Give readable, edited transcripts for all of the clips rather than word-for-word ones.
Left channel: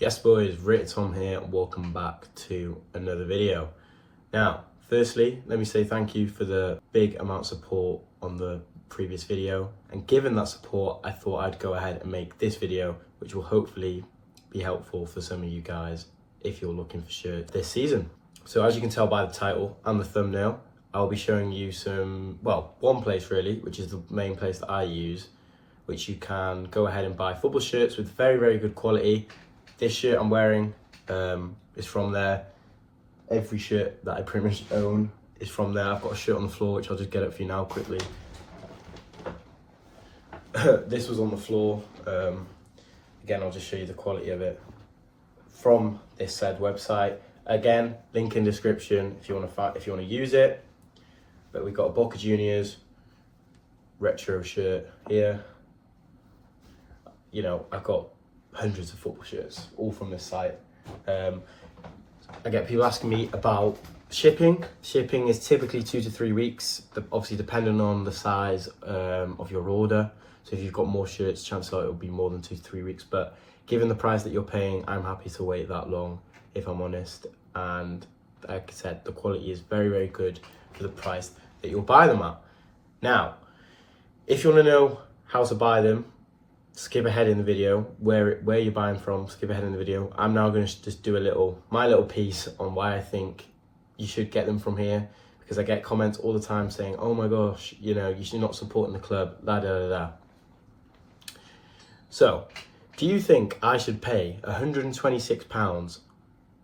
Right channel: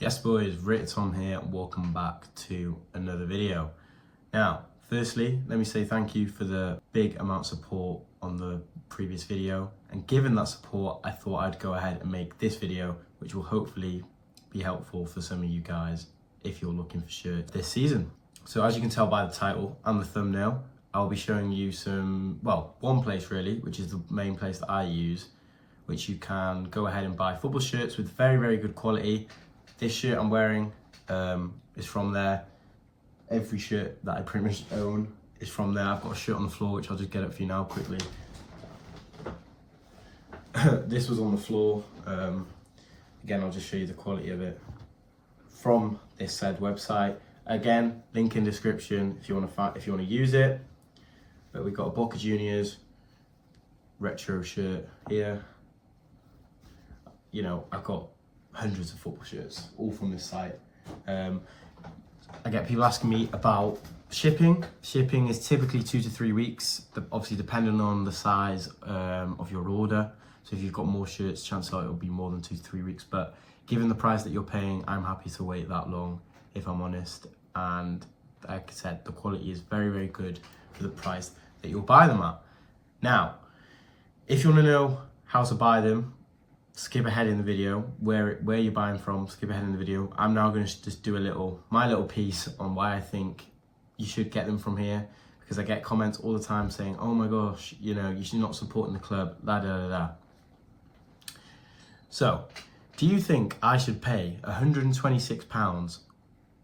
Yes boys, Tom here and welcome back to another video. Now, firstly, let me say thank you for the big amount of support on the previous video, and given that support, I thought I'd go ahead and make this video, which will hopefully be helpful for some of you guys if you're looking for shirts this season. So as you can tell by the title and the thumbnail, I'll be showing you one place really, which is the main place that I use, which you can go ahead and buy football shirts with very, very good quality. This shirt I'm wearing is from there. Every shirt that I pretty much own is from there. I've got a shirt on the floor, which I'll just get up for you now quickly. This was on the floor. Again, I'll just show you the quality of it from this said website. Again, link in description if you want to use it. But we've got a Boca Juniors retro shirt here. You know, I've got hundreds of football shirts, all from this site. I get people asking me about shipping. Shipping is typically 2 to 3 weeks, obviously depending on the size of your order. So if you've got more shirts, chances are it'll be more than 2 to 3 weeks. But given the price that you're paying, I'm happy to wait that long, if I'm honest. And like I said, the quality is very, very good for the price that you'll buy them at. Now, if you want to know how to buy them, skip ahead in the video, where you're buying from, skip ahead in the video. I'm now going to just do my little piece on why I think you should get them from here, because I get comments all the time saying, oh my gosh, you know, you should not supporting the club, So, do you think I should pay £126?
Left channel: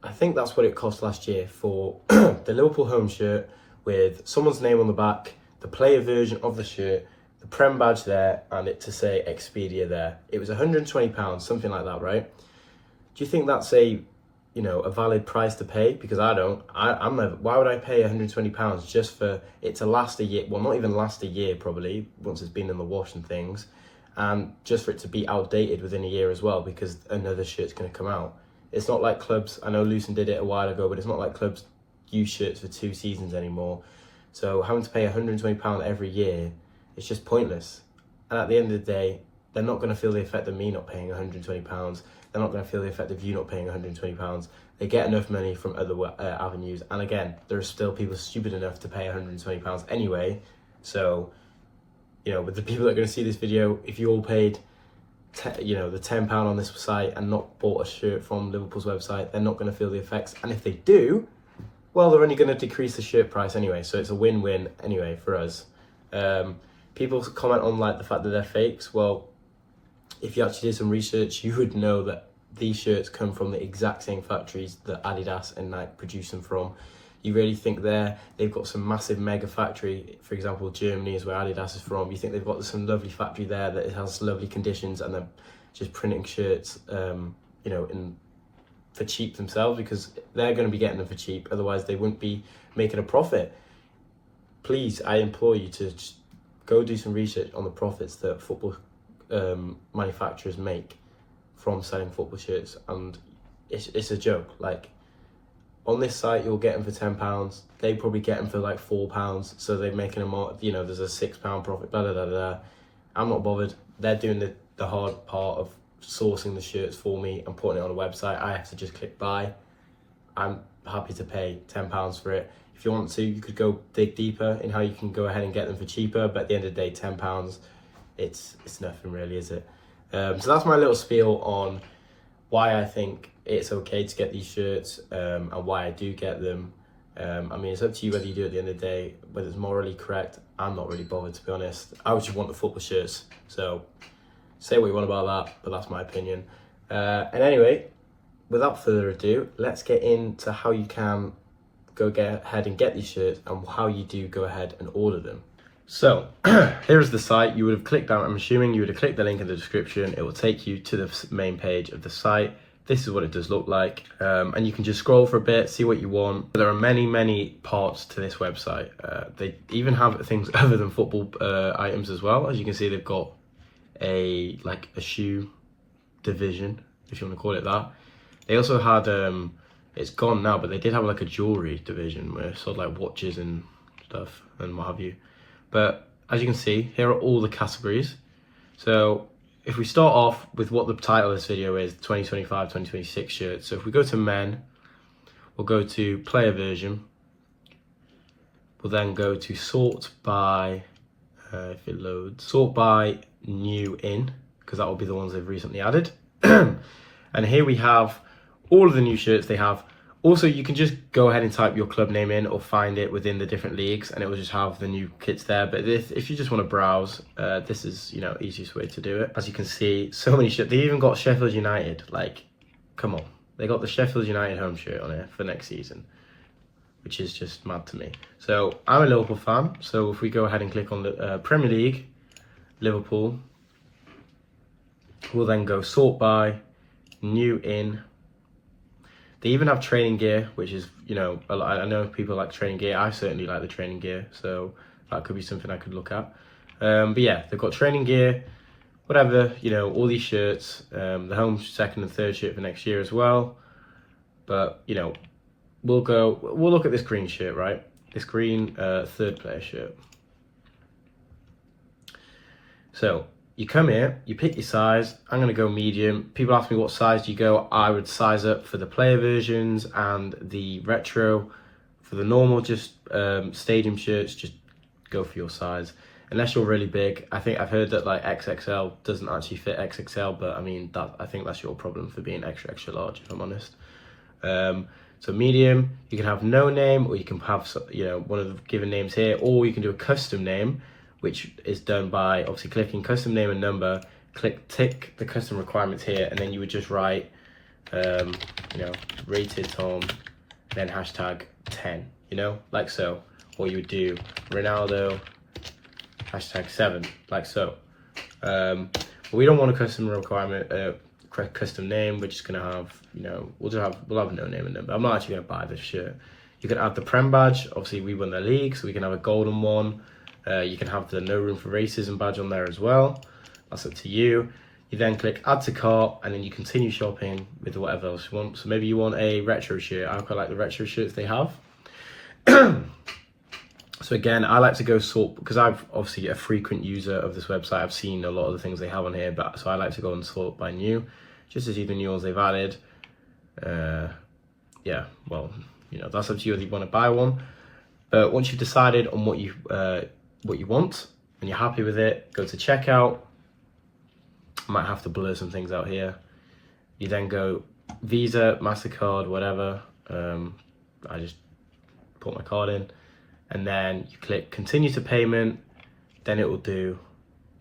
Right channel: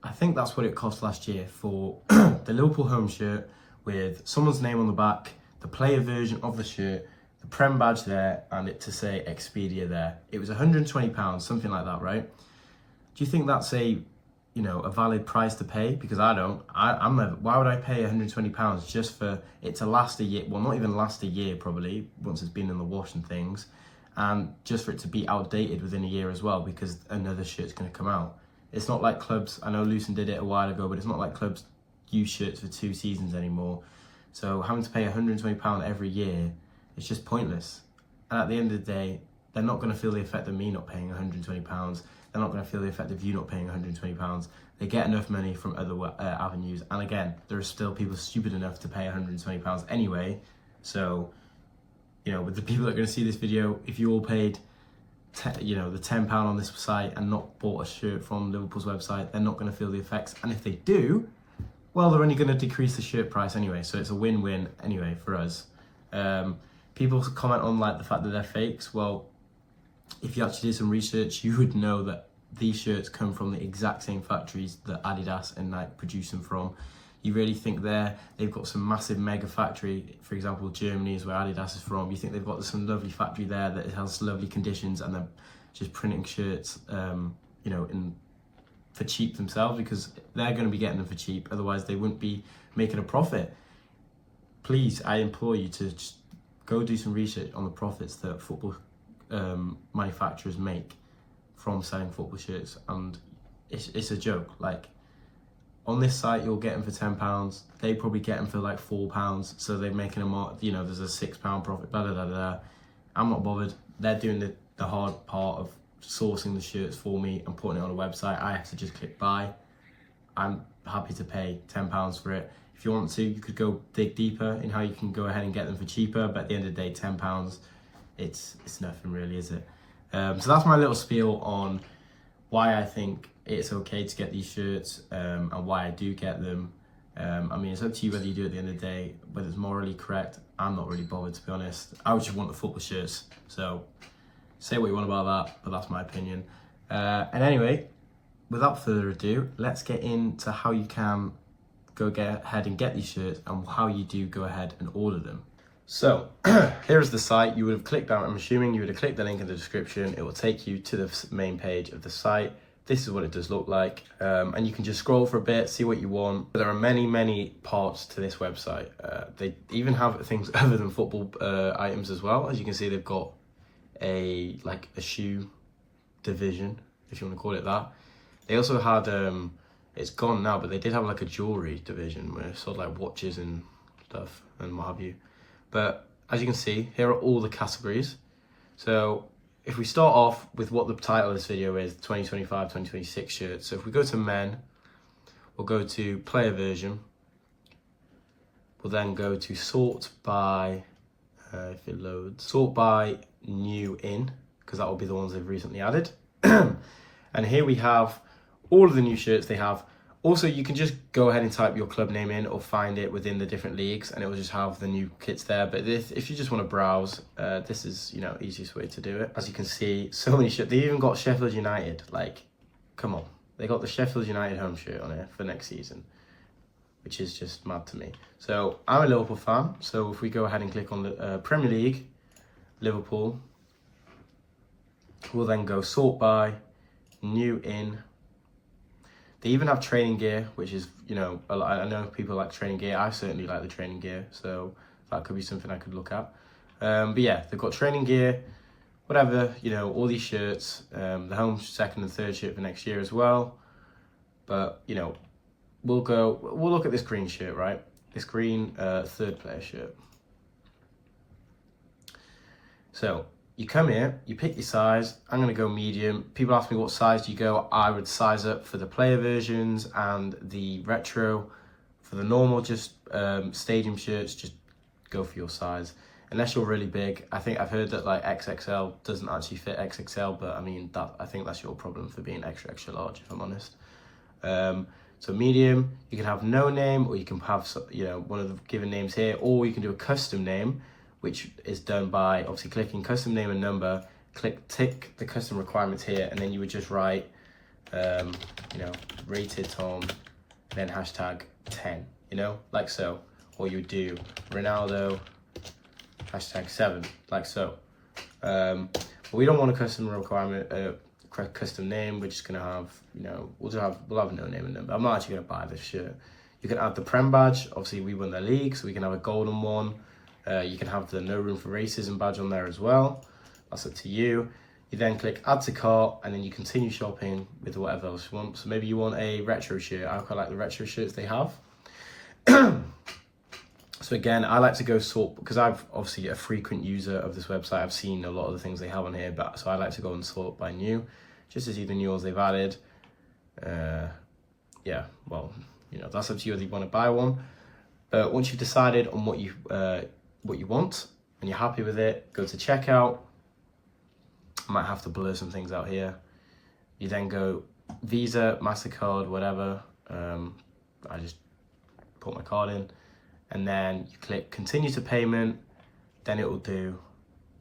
I think that's what it cost last year for the Liverpool home shirt with someone's name on the back, the player version of the shirt, the Prem badge there, and it to say Expedia there. It was £120, something like that, right? Do you think that's a valid price to pay? Because I don't. Why would I pay £120 just for it to last a year? Well, not even last a year probably, once it's been in the wash and things, and just for it to be outdated within a year as well, because another shirt's going to come out. It's not like clubs, I know Lucen did it a while ago, but it's not like clubs use shirts for 2 seasons anymore. So having to pay £120 every year, it's just pointless. And at the end of the day, they're not going to feel the effect of me not paying £120. They're not going to feel the effect of you not paying £120. They get enough money from other avenues. And again, there are still people stupid enough to pay £120 anyway. So, with the people that are going to see this video, if you all paid the £10 on this site and not bought a shirt from Liverpool's website, they're not going to feel the effects. And if they do, well, they're only going to decrease the shirt price anyway. So it's a win-win anyway for us. People comment on the fact that they're fakes. Well, if you actually did some research, you would know that these shirts come from the exact same factories that Adidas and Nike produce them from. You really think they've got some massive mega factory, for example, Germany is where Adidas is from. You think they've got some lovely factory there that has lovely conditions, and they're just printing shirts, for cheap themselves, because they're going to be getting them for cheap. Otherwise, they wouldn't be making a profit. Please, I implore you to just go do some research on the profits that football manufacturers make from selling football shirts, and it's a joke. Like, on this site, you'll get them for £10. They probably get them for like £4, so they're making them more. There's a £6 profit. Blah blah blah blah. I'm not bothered. They're doing the hard part of sourcing the shirts for me and putting it on a website. I have to just click buy. I'm happy to pay £10 for it. If you want to, you could go dig deeper in how you can go ahead and get them for cheaper, but at the end of the day, £10, it's nothing really, is it? So that's my little spiel on why I think it's okay to get these shirts, and why I do get them. It's up to you whether you do it at the end of the day, whether it's morally correct. I'm not really bothered, to be honest. I would just want the football shirts. So say what you want about that, but that's my opinion. And anyway, without further ado, let's get into how you can go ahead and get these shirts and how you do go ahead and order them. So here's the site. You would have clicked on, I'm assuming you would have clicked the link in the description. It will take you to the main page of the site. This is what it does look like, and you can just scroll for a bit, see what you want. There are many parts to this website. They even have things other than football items as well. As you can see, they've got a shoe division, if you want to call it that. They also had it's gone now, but they did have like a jewelry division where it sold like watches and stuff and what have you. But as you can see, here are all the categories. So if we start off with what the title of this video is, 2025-2026 shirts. So if we go to men, we'll go to player version. We'll then go to sort by, if it loads, sort by new in, because that will be the ones they've recently added. And here we have all of the new shirts they have. Also, you can just go ahead and type your club name in or find it within the different leagues and it will just have the new kits there. But if you just want to browse, this is, you know, easiest way to do it. As you can see, so many shirts. They even got Sheffield United. Like, come on. They got the Sheffield United home shirt on it for next season, which is just mad to me. So I'm a Liverpool fan. So if we go ahead and click on the Premier League, Liverpool, we'll then go sort by, new in. They even have training gear, which is, you know, I know people like training gear. I certainly like the training gear, so that could be something I could look at. But yeah, they've got training gear, whatever, you know, all these shirts, the home, second and third shirt for next year as well. But, you know, we'll look at this green shirt, right? This green third player shirt. So you come here, you pick your size. I'm going to go medium. People ask me what size do you go. I would size up for the player versions and the retro. For the normal, just stadium shirts, just go for your size. Unless you're really big. I think I've heard that like XXL doesn't actually fit XXL, but I mean, I think that's your problem for being extra, extra large, if I'm honest. So medium, you can have no name, or you can have, you know, one of the given names here, or you can do a custom name, which is done by obviously clicking custom name and number, tick the custom requirements here, and then you would just write, you know, rated Tom, then hashtag 10, you know, like so. Or you would do Ronaldo, hashtag 7, like so. We don't want a custom requirement, custom name. We're just gonna have, you know, we'll have no name and number. I'm not actually gonna buy this shirt. You can add the Prem badge. Obviously, we won the league, so we can have a golden one. You can have the No Room for Racism badge on there as well. That's up to you. You then click add to cart and then you continue shopping with whatever else you want. So maybe you want a retro shirt. I quite like the retro shirts they have. So again, I like to go sort, because I'm obviously a frequent user of this website. I've seen a lot of the things they have on here, but so I like to go and sort by new, just to see the new ones they've added. Yeah, well, you know, that's up to you whether you want to buy one. But once you've decided on what you want and you're happy with it, go to checkout. I might have to blur some things out here. You then go Visa, MasterCard, whatever. I just put my card in, and then you click continue to payment. Then it will do,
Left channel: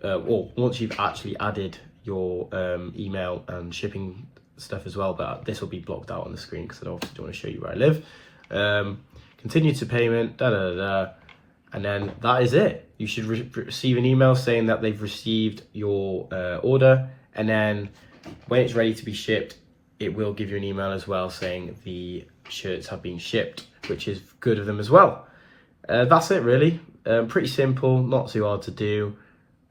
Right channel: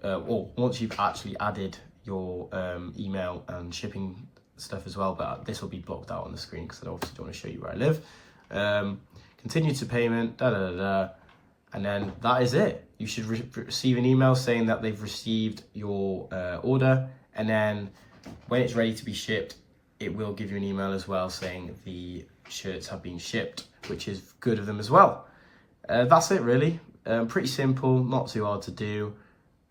or once you've actually added your email and shipping stuff as well, but this will be blocked out on the screen because I obviously don't want to show you where I live. Continue to payment, and then that is it. You should receive an email saying that they've received your order, and then when it's ready to be shipped, it will give you an email as well saying the shirts have been shipped, which is good of them as well. That's it really. Pretty simple, not too hard to do.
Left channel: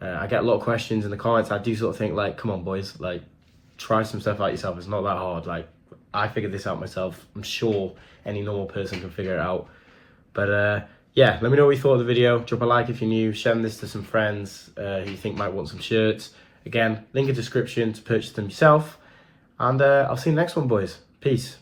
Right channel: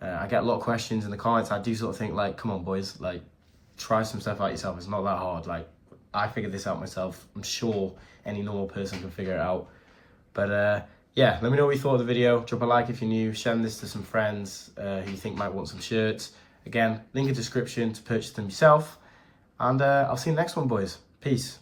I get a lot of questions in the comments. I do sort of think like, come on boys, like try some stuff out yourself. It's not that hard. Like I figured this out myself. I'm sure any normal person can figure it out. But yeah, let me know what you thought of the video. Drop a like if you're new. Share this to some friends who you think might want some shirts. Again, link in the description to purchase them yourself. And I'll see you in the next one, boys. Peace.